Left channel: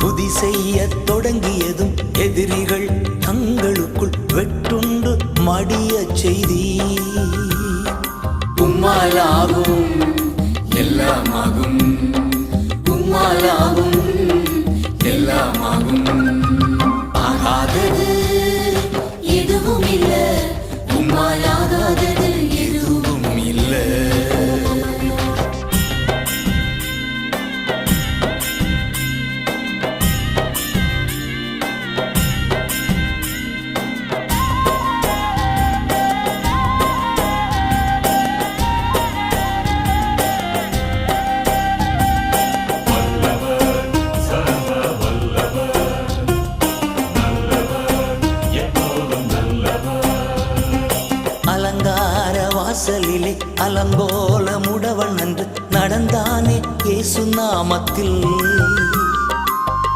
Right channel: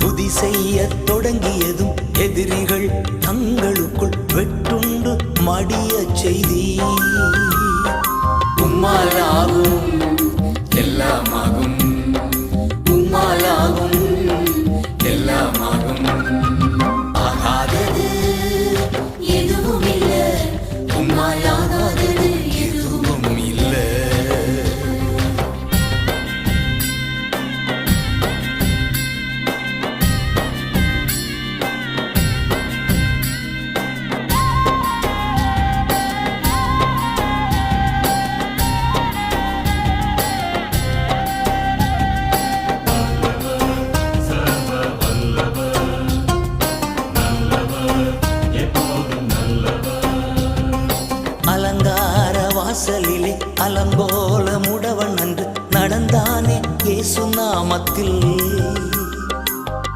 துதி செய்ய தொடங்கியதும் எதிரிகள் தங்களுக்குள் வெட்டுண்டு மடிய செய்தி. உம்மாலாகும் எல்லாமாகும், உம்மாலாகும் எல்லாமாகும். ஆகாதது எதுவும் இல்ல, உம்மாலாகாதது எதுவும் இல்ல. அலங்கார வாசலிலே அலங்கோல முடவன் அன்று நடந்தானே இயேசு நாமத்தில்.